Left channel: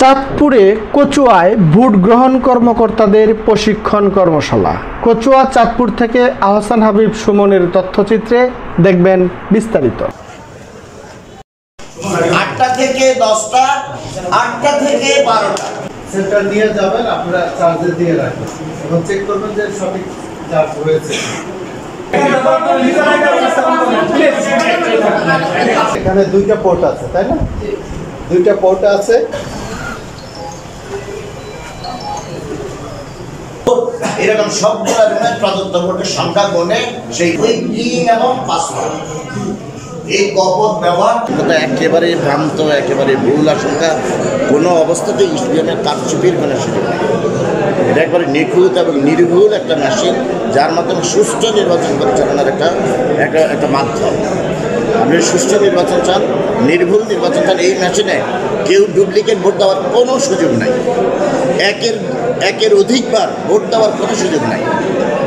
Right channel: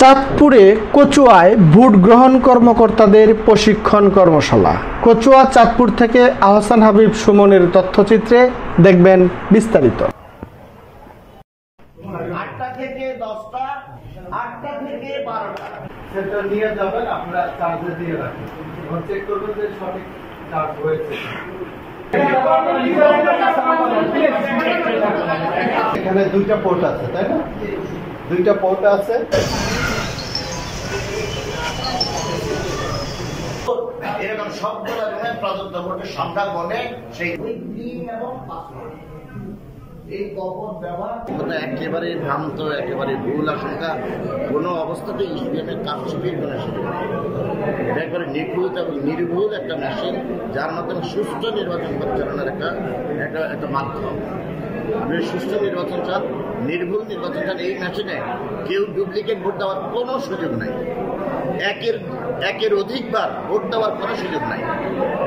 চাঁদপুরে কচুয়ায় ভোট গ্রহণ কর্মকর্তাদের প্রশিক্ষণ কর্মশালা। কচুয়া চাঁদপুর থেকে আহসান হাবিব সুমনের তথ্যচিত্রে দেখবেন বিস্তারিত। 8টা থেকে 10টা, 8টা থেকে 12টা সেন্টার নিয়ে যাবেন, আপনারা চার্জে দিয়ে রাখবেন এবং চেক করবেন যে সঠিক চার্জ হয়েছে। এখানে দুইটা পোর্ট আছে, তাই না? দুইটা পোর্ট আছে। এরকম সবগুলো রুমের প্রদত্ত ভোটের সংখ্যা গুণে সেই পিন এবং পাসওয়ার্ড এই কপট ব্যবহার একেবারে ভ্রান্ত, একেবারে ভুল আশঙ্কা। কোনো অবস্থাতেই ইসিএমের কারচুপির কোনো সুযোগ নেই। এটা একবারে নিখুঁত এবং নির্ভুল একটা মেশিন, যার মাধ্যমে সুষ্ঠু নির্বাচন পরিচালনার একটা মাধ্যম। আপনি সুষ্ঠু নির্বাচন চান, নির্ভুল নির্বাচন চান, এই মেশিনে কেউ ডুপ্লিকেট ভোট দেওয়ার কোনো সুযোগ নাই। একের অধিকবার ভোট দেওয়ার কোনো সুযোগ নাই।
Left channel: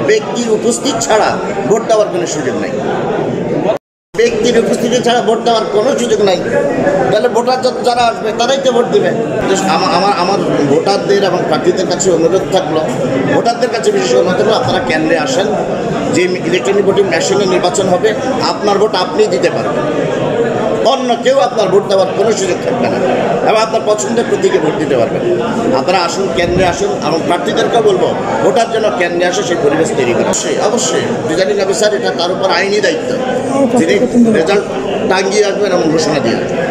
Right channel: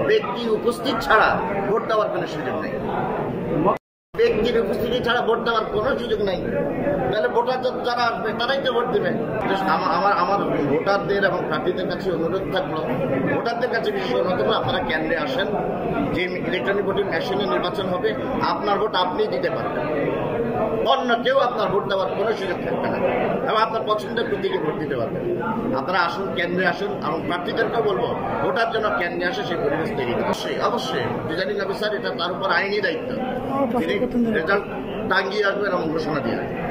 ব্যক্তির উপস্থিত ছাড়া ভোট দেওয়ার কোনো সুযোগ নাই। ব্যক্তির উপস্থিতি ছাড়া ভোট দেওয়ার কোনো সুযোগ নাই। তাহলে ভোটার যারা আসবে তারাই তো ভোট দেবে। আমার ভোটারদের এবং প্রার্থীদের কাছে অনুরোধ থাকলো, ভোটারদের কাছে বিশেষ অনুরোধ হলো, আপনারা কেন্দ্রে আসেন। যে ইলেকট্রনিক ভোটিং মেশিনে নির্বাচন হবে, আপনার ভোট আপনিই দিতে পারবেন, অন্য কেউ আপনার ভোট দেওয়ার কোনো সুযোগ থাকবে না এবং আপনার পছন্দের প্রতীকে ভোট দিতে পারবেন। আপনারা আসুন, কেন্দ্রে আসুন এবং প্রার্থীদেরকেও বলবো ভোটার জন্য কেন্দ্রে আসে সেই পরিবেশ তৈরি করে। অবশ্যই রিটার্নিং অফিসার, এটা তার উপর আইনি দায়িত্ব, তিনি রেজাল্ট টাঙ্গিয়ে আসবেন এবং ঘোষণা দিয়ে আসবেন।